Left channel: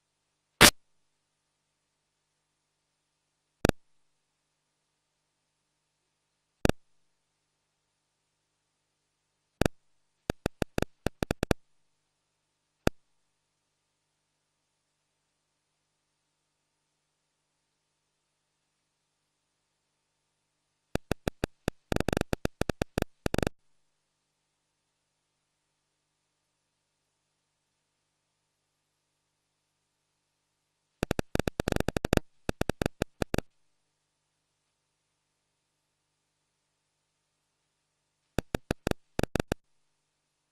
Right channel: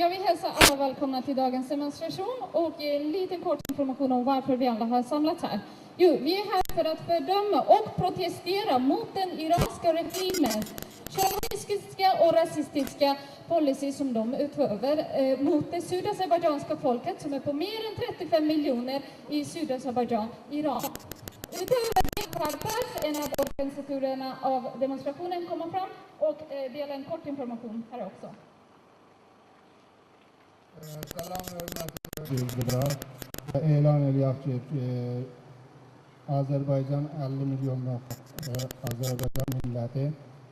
Jag vill hälsa alla välkomna till dagens demonstration och eh, ge en liten kort information om varför vi alla har samlats här. Jo, vi är här för att fördöma och protestera mot den iranska regimen chauvinistiska och rasistiska policy som de utövar eh, mot det sydazerbajdzjanska folket som är på mer än 35 miljoner i Sydazerbajdzjan, Iran. Utöver det har PAF, en av organisatorerna av demonstrationen, kommit fram och eh, delar en kort information här också. Salam hörmətli bildirər. Elan eləyək ki, Azərbaycan 50 milyonluq e, Azərbaycan milləti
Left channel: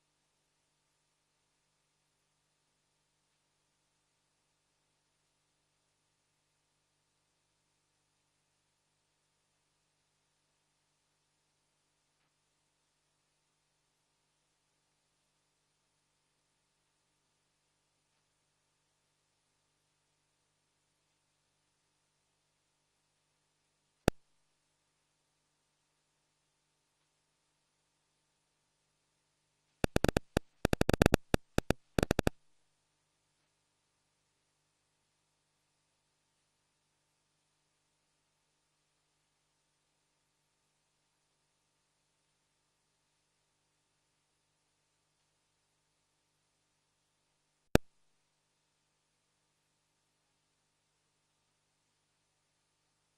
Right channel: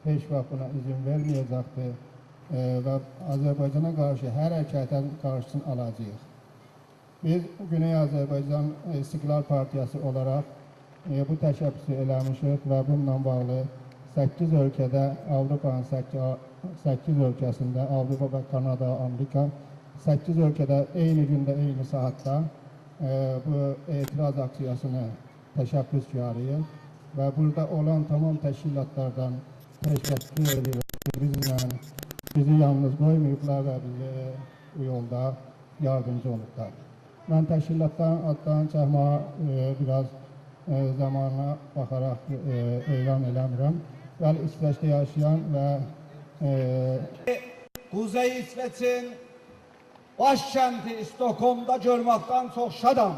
heç vaxt buna izin verməyəcəkdir e, və Azərbaycana qarşı hər hərəkətin qarşısını alacağıq. Biz Güney Azərbaycan İstiqlal Partiyası olaraq e, bu təşəbbüsü eləmişik və bununla bağlı 8 ölkədə Avropanın 8, 8 ölkəsində Avropa və Kanada, Amerika 8 ölkədə eyni gündə, eyni saatda e, bu etiraz aksiyasını təşəbbüskarıyıq və burada olan tamam təşkilatlardan təşəkkür edirik bizimlə bizi yalnız qoymayıblar və bizi bu yolda yardımcı olublar. Mən təşkilatların adlarını çəkməyə e, biraz e, zamanına baxaraq e, elan eləmirəm. Bəli, İsveçdə yaşayan və e, Kuzey İsveç'in başkenti Stockholm'da görməkdən çox şadam.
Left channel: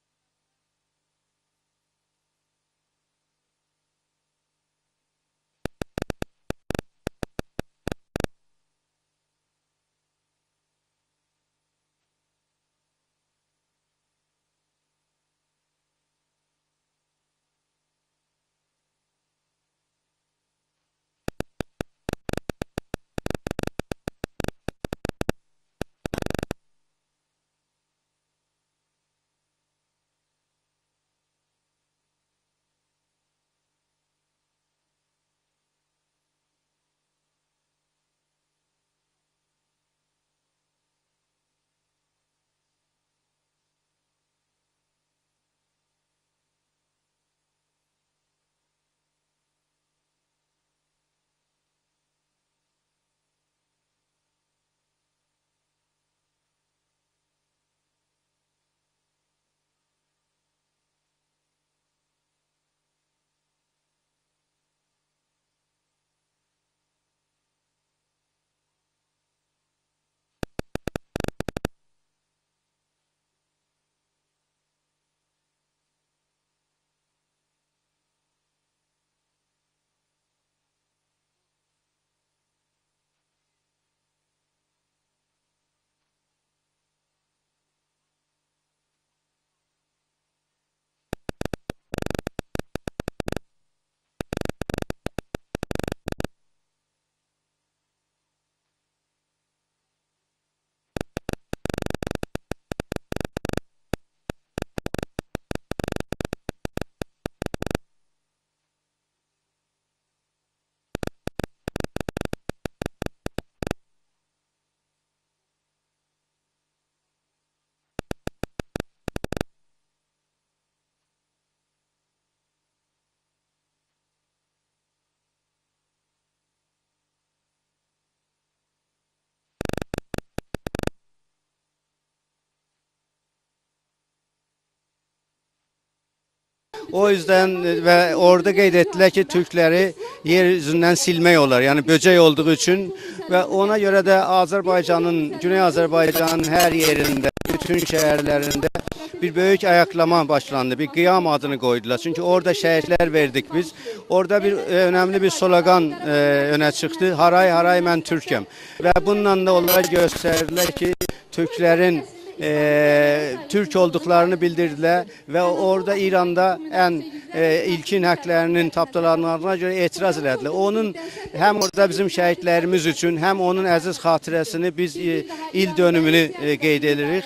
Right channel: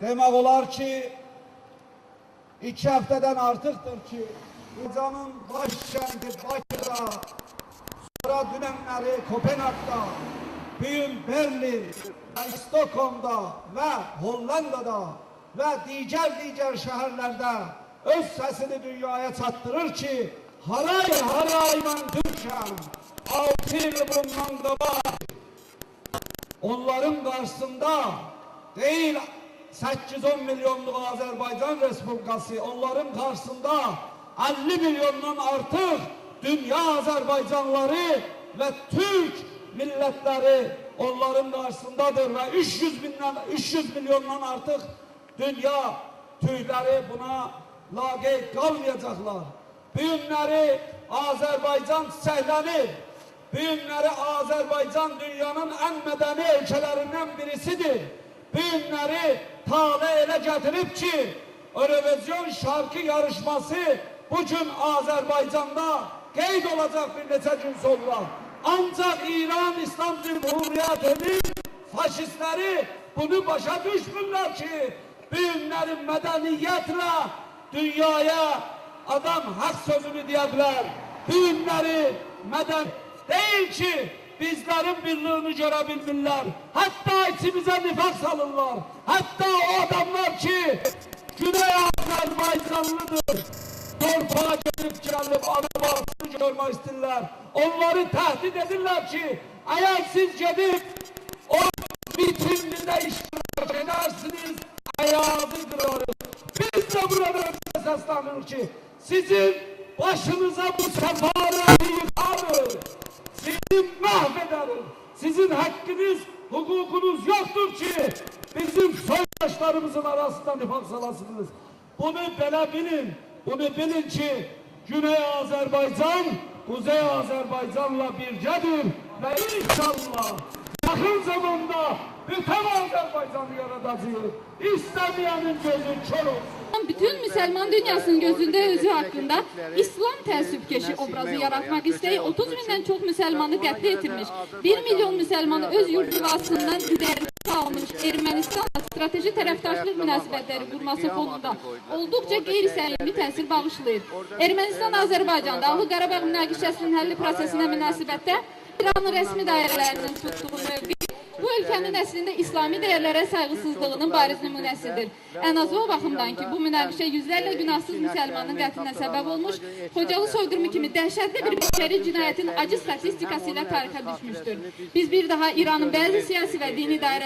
Demək olar ki, iki həftədən artıqdır ki, Azərbaycanın başkenti Bakıda, sonra dünənləri Kopenhag'da, bugün Berlin, və Stockholm'da və Hollanda'da və digər digər şəhərlərdə öz səsini dünyaya çatdırır ki, haray haray mən Türkəm, altı il bundan qabaq onların karşısında değil 810 milyonluk Azerbaycan Respublikası onların karşısında 50 milyondan artık dünya Azerbaycanları ve Türk milletleri onların karşısındadır ve 300 binden 300 milyondan artık dünya Türkleri buna laqeyd kalmayacaklar. Bu günləri Azerbaycan çiçəklenir. Bu günləri Azerbaycan dünyanın en medeni ülkelerinden birisidir. Bu günləri tale ele getirip ki Eurovision şarkı yarışması bugün Azerbaycan'da qeyd olacak bir neçə gün sonra. Ancak İran İslam Cumhuriyeti'nin faşistleri bunu başa düşmürler ki bu günləri medeniyetle dünyaya adam hak sözünü diyebilir. Bu günləri meden değil ki bizlerin birliğini görebilirler. Hatta içimize nifak salırlar. Hatta o adamlar ki Güney Azerbaycanlıdır. Torpağa gelip gelip arabasını görmek isterler. Onları tehdit edirler ki eğer siz gidip o vitrininde iştirak edersiniz ayağını kırarız. Biz de burada seslenir ki sizin başınıza bu hukukunuz yoktur ki bizim soydaşlarımızın arasında nifak salasınız. Bunu böyle bilin. Bunu bilin ki Güney Azerbaycan, Kuzey Azerbaycan'la bircedir ve inşallah yakın zamanda bütün Azerbaycan'ı yaratacağız. İstemeyenin gözü kör olsun. O yüzden ve orada kaydettiler ki Türkleri yeryüzünden silmiyorlar. Yani böcek olduğu için ve ona göre de Azerbaycan'ın, Güney Azerbaycan'ın her yerinde, bütün şehirlerinde bir büyük ayaklama başlandı. Bir kıyam adını koydular. Çünkü orada şehitler verdik biz. Orada bir e, önemli bir slogan e, öne çıktı. Haray haray ben Türk'üm. Ve bununla da onlar gösterdiler ki Türklerin e, Türk olduklarını bildirdiler ve orada İran'da en e, ilkin haklarının tapdalanmalarına göre etiraz ettiler. Onun hem orada bizim şehitlerimiz için hem onun aziz hatırasını biz e, il dönümünü e, qeyd edirik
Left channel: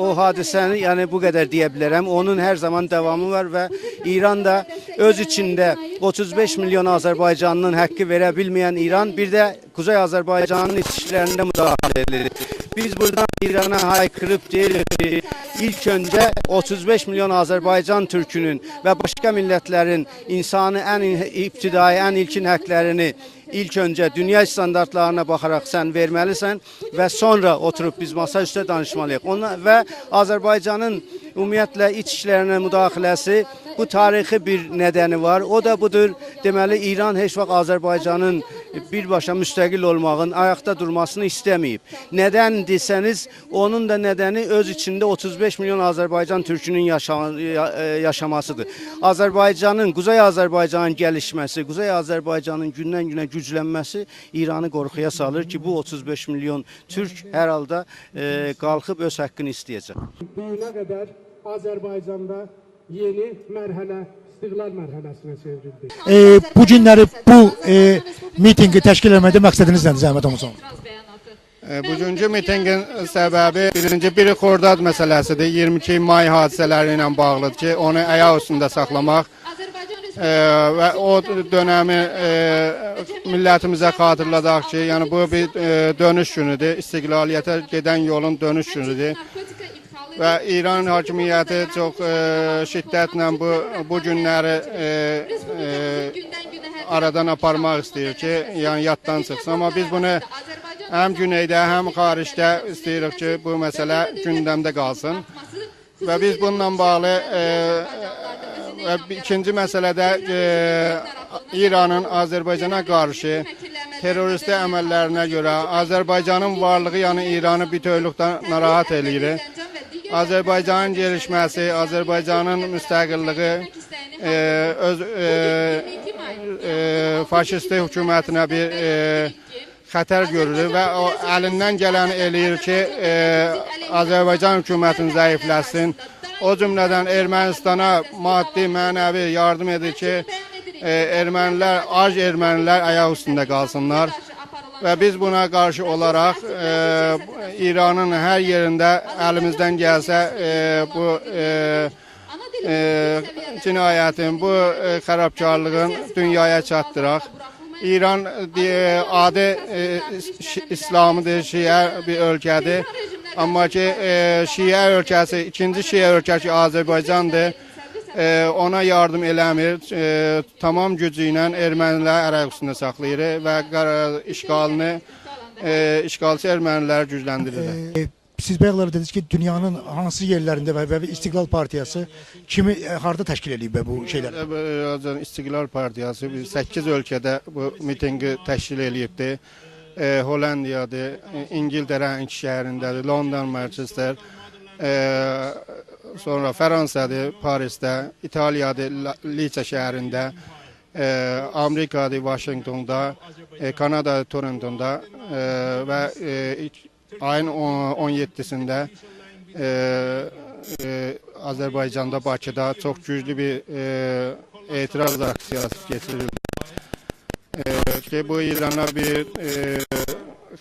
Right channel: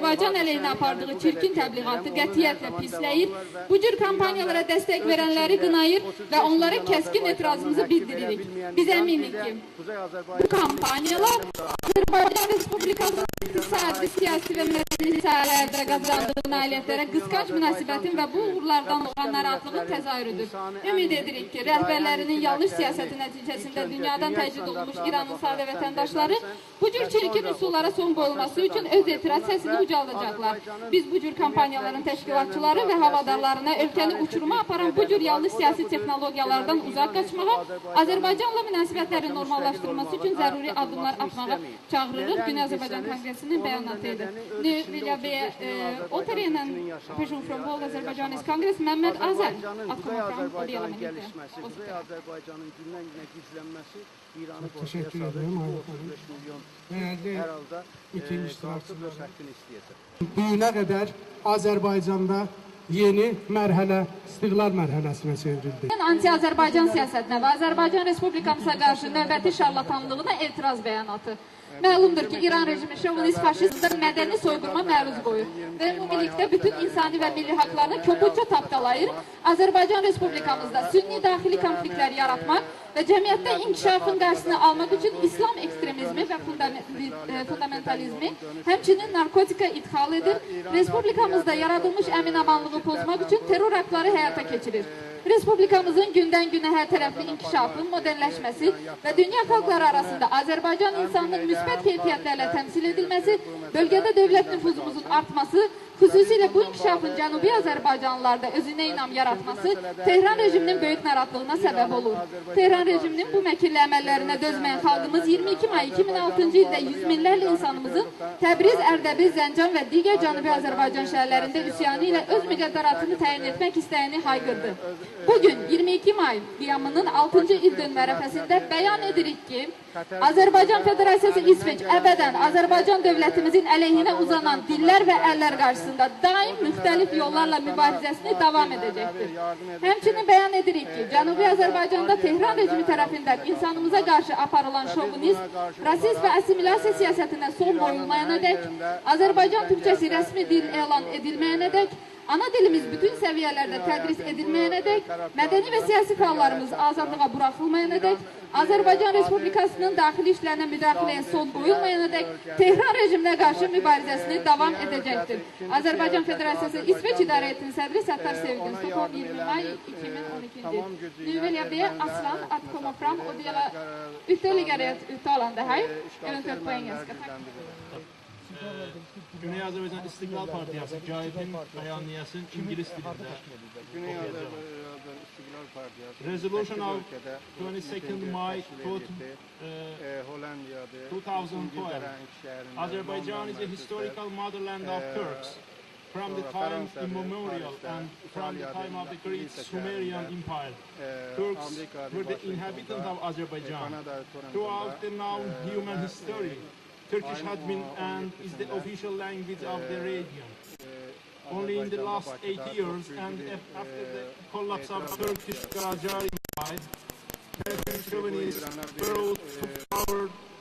o hadisəni yani bu kadar diyebilirim. Onun her zaman devamı var ve İran'da öz içinde 35 milyon Azerbaycanlının hakkı verebilmeyen İran bir de Kuzey Azerbaycan'ın iç işlerinde müdahale edilir. Biz buradan İran'a haykırıp deyirik ki, ilk önce 35 milyon Azerbaycan Türkünün ve başka milletlerin insanı en iptidai, en ilkin haklarını ilk önce dünya standartlarına bakarak sen vermelisin ve sonra oturup biz masa üstü danışmalıyıq. Ona ve Azerbaycan'ın ümumiyyətlə iç işlerine müdaxiləsi bu tarixi bir nedeni var. O da budur. Deməli İran heç vaxt Azərbaycanın birbaşa müstəqil olmağın, ayaqda durmasını istəməyib. Neden desəniz, onun da nedeni öz içində 35 milyon Azərbaycan türkünün yaşa ya- e, yaşamasıdır. Azərbaycanın, Quzey Azərbaycanın gəlişməsi, Quzey Azərbaycanın gündən-günə güclənməsi İranı qorxuya salır ki, bu 35 milyon türk hər halda e, qalxıb öz haqqını istəyəcək. Bugüne kadar Azerbaycan'da yeni merhale, istiklal merhalesine çevrildi. Ee, bu günləri bu e, mitingi təşkil etməkdə məqsədiniz nədir Zəhmət Oğuzhan? Etiraz beyanatı. E, Bugünkü mitingin səbəbi birinci biri Xordad məsələsidir. 22 may hadisələri ilə bağlıdır ki, onu ayaq üstündə saxlamaq e, və o dönəmi e, millətimizə xatırladaq ki, yəni bu bir e, dönüş günüdür. İstiqlaliyyətə gedən yolun dönüş günüdür. Və İran hakimiyyəti çox e, şiddətlə bu bu günləri e, e, aradan aparmaq istəyir ki, yəni yaddan çıxsın. Amma biz bunu həm insanının güneydə, həm xaricdə istəyirik ki, bu məsələ gündəmdə qalsın. Və biz bununla bağlı, Cənubi e, ikinci məsələdə, e, İranın. Azərbaycana qarşı məkirli əməllərinə görə 22 may Azərbaycanın 2016-cı varlığı, yəni İranı bir insanımızı tövlükdən Təbriz, narahat eləyir. Azərbaycanın gelişməsi, Azərbaycanın müstəqilliyi, e, öz e, Bugün 22 may qiyamının e, 6. faşist il hökumətinə bir, e, xətər görülür və o əlindən gələni eləyir ki, e, Azərbaycan hökumətini zəifləsin. O cümlədən Ermənistana maddi, mənəvi yardım edir ki, e, ermənilər, ac ermənilər ayaq üstündə qalsınlar. Və biz buna qarşı olaraq e, İranın hər yerində əlimizdən gəlsə e, bu e, e, cinayətin, bu e, xərabkarlığın dünyaya çatdıraq. İran e, adi e, Şi- İslamıdır, Şiə bir ölkədir. Amma ki e, Şiə ölkəsi, ikinci Şiə ölkəsi Azərbaycandır. E, ona yardım eləmir. E, tamam gücü ilə ermənilər ərəq üstündə saxlayır və işğalını e, işğalçı ermənilər gücləndirir. Siz bəyalar dediniz ki, dünyanın hansı yerlərində və, və İstiqlal Partiyası kimi e, harda təşkil edib bu şeylər? Azərbaycan İstiqlal Partiyası biz 8 ölkədə bu mitinqi təşkil eləyibdi. E, Hollandiyadır, İngiltərənin iki şəhərindədir, London, Manchester, e, sonra Fransadır, Parisdə, İtaliyadır, Liça şəhərində, e, Amerikadır, Washingtonda, e, Kanada, Torontoda e, və e, ayın on- 17-sində e, e, Azərbaycanda, Bakıda çox güclü bir e, etiraz aksiyası keçirildi. E, ki bu İrana bir e,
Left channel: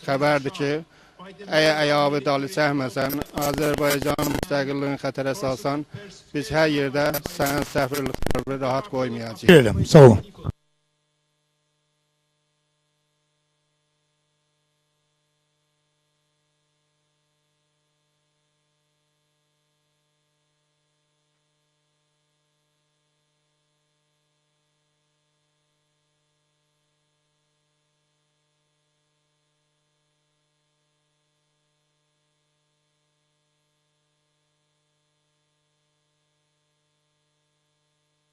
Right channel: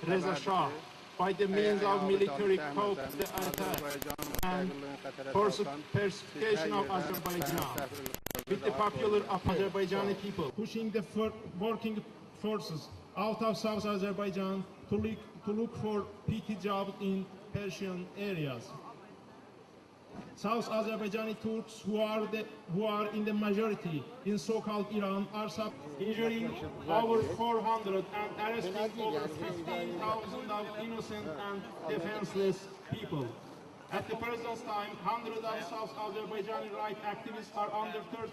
xəbərdir ki, əgər əyağı dalı çəkməsən, Azərbaycan müstəqilliyini xətərə salsan, biz hər yerdə sənin səfirliklərini rahat qoymayacağıq. Gələm, sağ olun. Pushing the working forces out of South Azerbaijan to to look for PT jobs in Persian areas. South Azerbaijani Turks who are the, who are in the majority in so-called Iran are injuring over 400 and arresting over 15,000 of innocent and defenseless people. At the present time, hundreds of South Azerbaijani right activists are under threat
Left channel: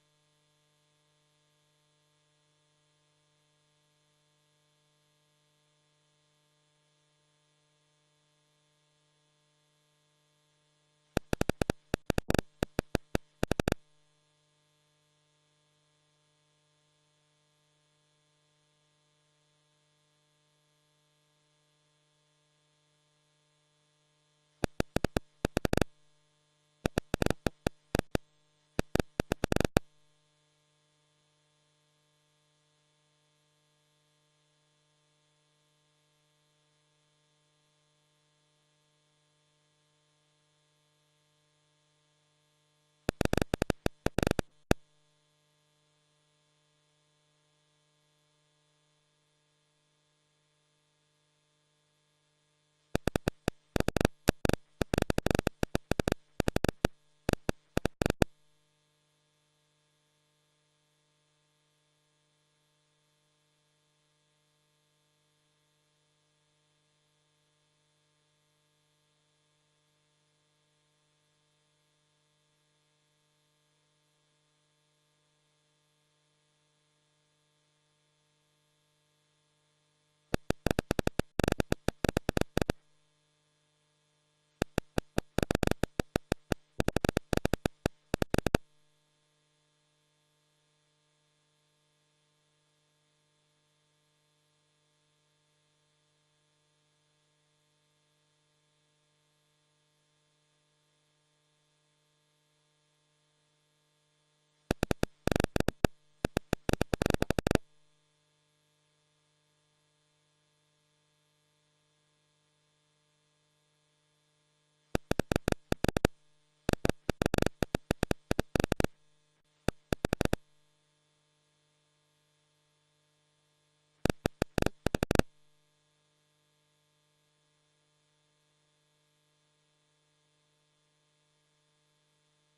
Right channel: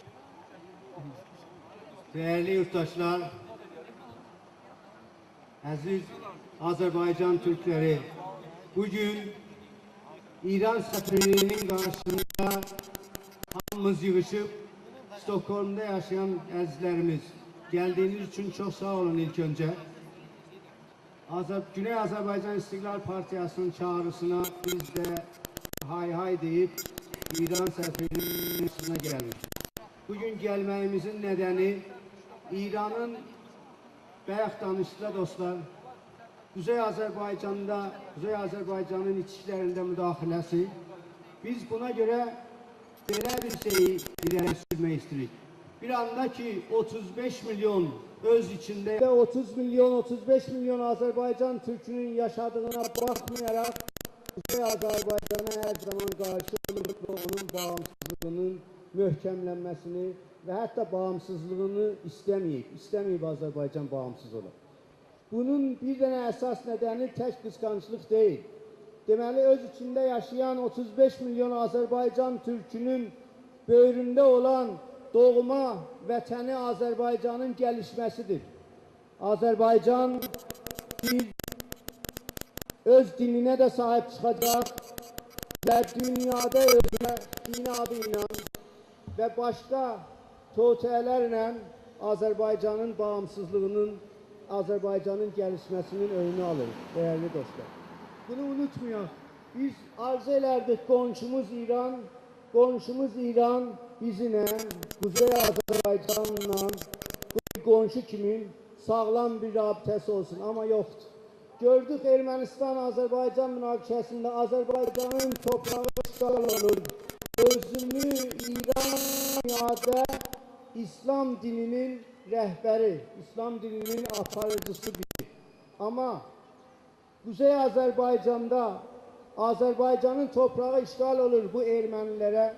Değerli yurttaşlar, aziz Azerbaycan Türkleri, bugün İran səfirliyinin qarşısında hamımız yığışıb Stokholmda yaşayan əzizlərimiz, gəldiyiniz üçün çox sağ olun ilk öncə. Azər Güney Azərbaycan İstiqlal Partiyasının çağrısına biz də hay hay deyib İran səfirliyinin üstünə gəlmişik. Bugün gəlməyimizin nədəni İranın bayaq danışdılar dostlar. Kuzey Azərbaycanda, Kuzey Azərbaycanın iç işlərində müdaxiləsi, biz buna görə belə bir şeyi irəli sürmək istəyirik. Bir anda ki, 35 milyon öz içində və 30 milyon, 35 milyon Azərbaycan türkünün yaşadığına baxmayaraq, Kuzey Azərbaycana hər zaman qarşı olub və onun bağımsızlığının möhkəmlənməsini və hətta bağımsızlığını istəməyib, istəməyib Azərbaycan bağımsız olub. Bunun bir dənə əsas nədəni tək qısqanclıq deyil. Deməli, öz içində yaşayan 35 milyon Azərbaycan türkünün böyründə olan doğma vətəni Azərbaycanın gəlişməsidir. Azərbaycan öz dininə də sahib çıxacaq və dünyada özünə din adı ilə və başqa tövtələrlə Azərbaycanın bağımsızlığının Azerbaycan'ın gelişmesinin önünü alır değerli dostlar. Bunu unutmayın. Biz arzu ederdik komşumuz İran, komşumuz İran bizimle, Kuzey Azerbaycan'la bu komşu kimin sağlam bir rabitesi olsun ama yoktu. Gördük Ermənistan-Azərbaycan münaqişəsində Azərbaycanın toprağı işgal olur. Özünü İran dünyada İslam dininin rəhbəri, İslam dininin aparıcısı bilir. Ama Kuzey Azerbaycan'da Azerbaycan'ın toprağı işgal olur bu Ermenilere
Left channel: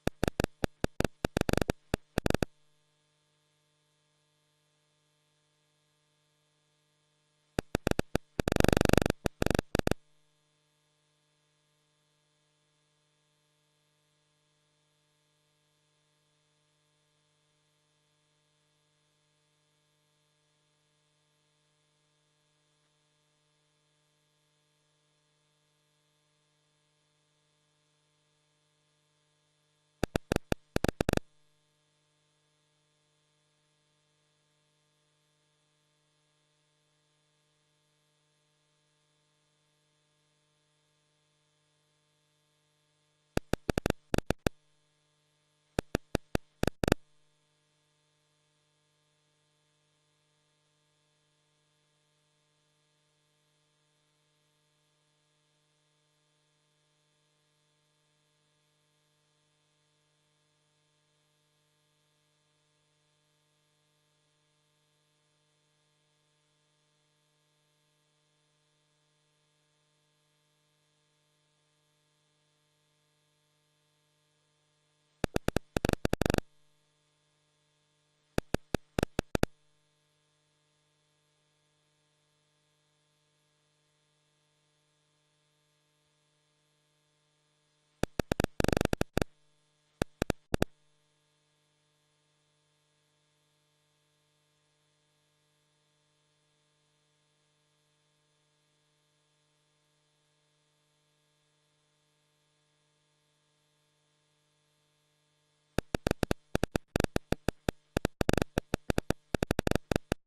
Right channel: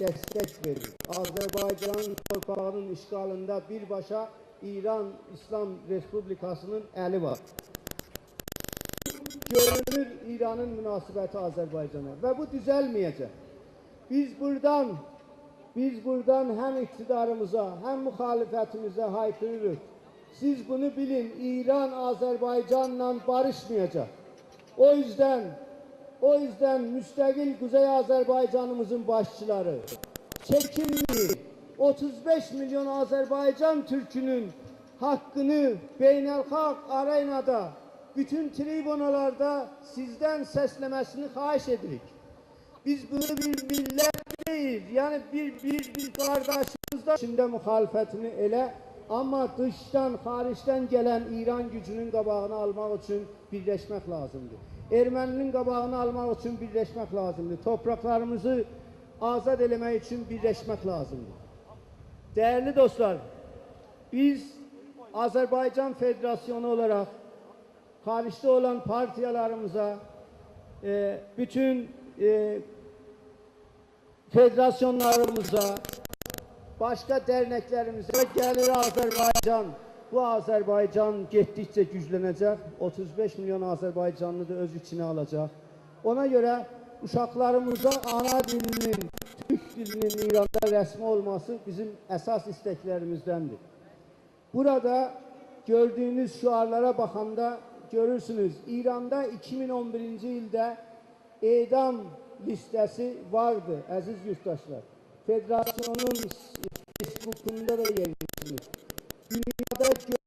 destek verir. Azerbaycan'ın torpağının işgalında birbaşa İran İslam Respublikası'nın eli var. Görünür İran'ın münasebeti Azerbaycan'a ve bu düzelmeyecek. Biz buradan biz buradan hem iktidarımıza hem muhalefetimize haykırırız. Siz bunu bilin. İran Azerbaycan'la barışmayacak. O yüzden o yüzden müstakil Kuzey Azerbaycan'ımızın başçıları çekinmeyin. 35 milyon Azerbaycan Türk'ünün hakkını beynelhalk arenada bütün tribunalarda sizden seslemesini xahiş edirik. Biz bunu bir millet değil, yani bir bir bir kardeşimizden içinde muhalefetini ele ama dıştan, hariçten gelen İran gücünün qabağını almaq için birleşmek lazımdır. Erməninin qabağını almaq için birleşmek lazımdır. Topraklarımızı azad eləmək için birleşmek lazımdır. Değerli dostlar, biz Azerbaycan Federasyonu olarak hariçte olan partiyalarımıza, e, bütün e, federasyonlarımıza, başka derneklerimize gelir Azerbaycan. Bu Azerbaycan gittikçe güçlenecek. 35 milyon Azerbaycanlı da öz içine alacak. Ona göre uşaklarımıza ana dilinin, Türk dilinin İran'da resmi olması bizim esas isteklerimizdendir. Burada gördüğünüz şuarlara bakanda görürsünüz. İran'da 2011 yılda edam listesi vardı aziz yurttaşlar. Federasyonun Facebook'unda da yerleştirir. Dünyada